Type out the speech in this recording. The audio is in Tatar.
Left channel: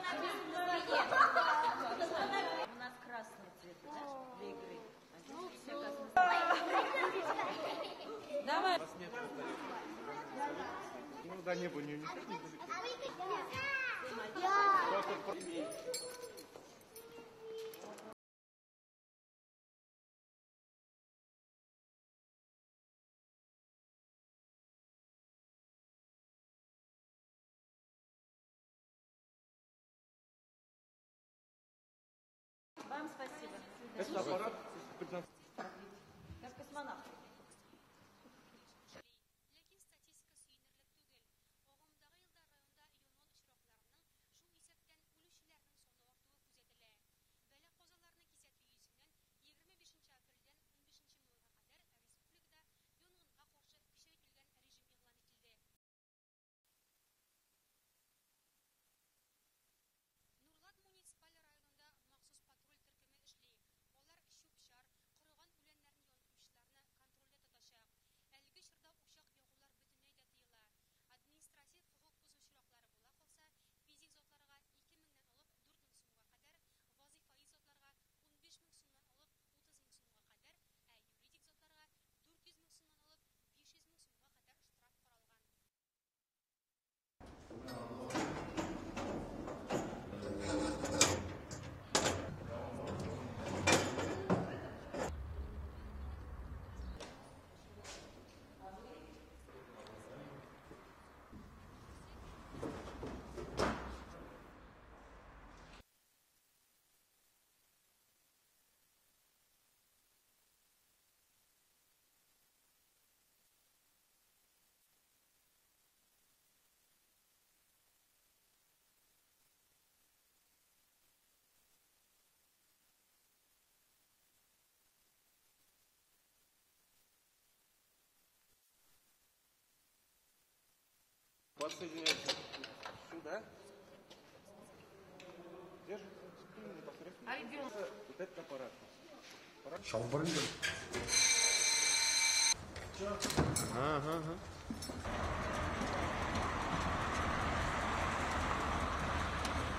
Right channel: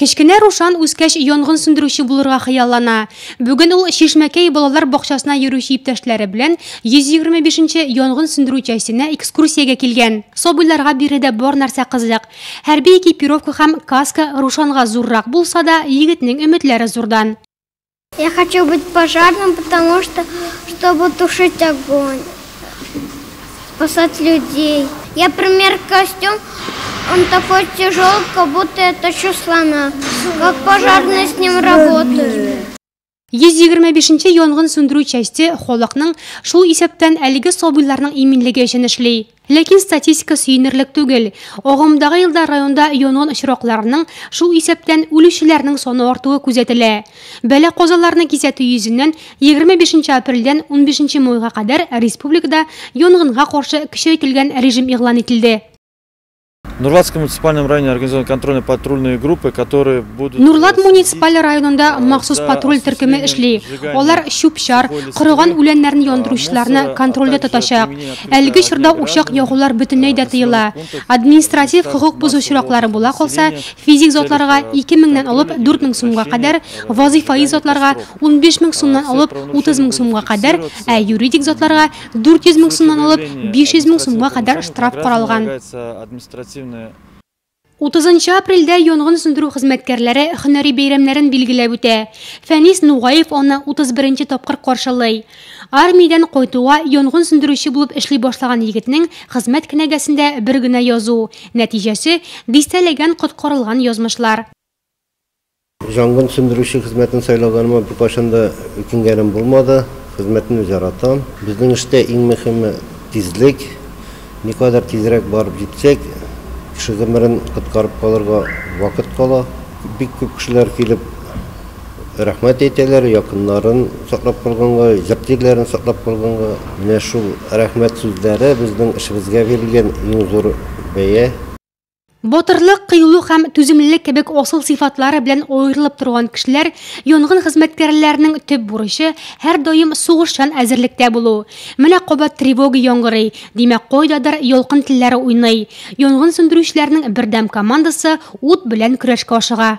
Кечкенә Рушан үскәч янгын сүндерүче булырга хыяллана. Бүген ул Шишмәкәй балалар бакчасына йөрүче иптәшләре белән 125-нче янгын сүндерү частенә экскурсиягә килгән. Собыйларга биредә бар нәрсә кызык. Хәрби экипировка һәм каска Рушанга зуррак булса да, егетнең өметләре зурдан. Я хочу быть пожарным, потому что, чтобы тушить огонь, спасать людей. Я пример костюм. Он такой тяжелый, как будто я тащу слона. Как пожарные с ним работают. 125-нче янгын сүндерү части халыкның шул исәптән әлеге собыйларның иминлеге өчен эшли. Ләкин статистика сөйнерлек түгел. Агымдагы елда районда янгын очракларының шул исәптән үлүчеләрнең саны артуы күзәтелә. Бәла казаларны кисәтү йөзеннән 25 апрельдән 15 майга кадәр республикада янгынга каршы көчәйтелгән режим игълан ителде. В Нурлатском муниципальном районе организованы контрольно-патрульные группы, которые будут... Нурлат муниципаль районында махсус патруль төркеме эшли. Алар чүп-чар, кырыган үләннәрне яндыручыларны контрольдә тотачак. Әлеге чорда учак ягулар бөтенләй дә тыела. Административ хокук бузучылыклары була калса, физик затларга 2000 алып 4000 сумга кадәр, вазифаи затларга 15000 сумнан алып 30000 сумга кадәр, юридик затларга 400000 сумнан алып 500000 сумга кадәр штраф каралган. 30 апрельдә янгын сүндерү хезмәткәрләре һөнәри бәйрәмнәрен билгеләп үтә. Фәнис Нугаев аны 31-нче тапкыр каршылый. Армиядән кайтуга янгын сүндерүче булып эшли башлаган егетнең хезмәт кенәгәсендә бер генә язу. Нәтиҗәсе дистәләгән коткарылган язмышлар. Янгын сүндерүче хезмәтен сайлаганыма бер кашанда үкенгәнем булмады. Хезмәтне яратам. Безнең эштә иң мөһиме тизлек. Никадәр тизрәк барып җитсәк, кеше гомерен коткарып калырга вакыт кала. Бик күп кешеләр килеп рәхмәт әйтәләр, якыннарын саклап калганга, җирләрен саклап калганга. Менә шул рәхмәт сүзләре безнең эшебезгә бирелгән иң зур бәя. Батырлык, кыюлык һәм түземлелек кебек асыл сыйфатлары белән аерылып торган кешеләр янгын хезмәткәрләренең төп бурычы һәр даим сугышчан әзерлектә булу. Менә кабат тревога яңгырый, димәк кайдадыр ялкын телләре уйный. Янгын сүндерүчеләрнең бердәм командасы ут белән көрәшкә ашыга.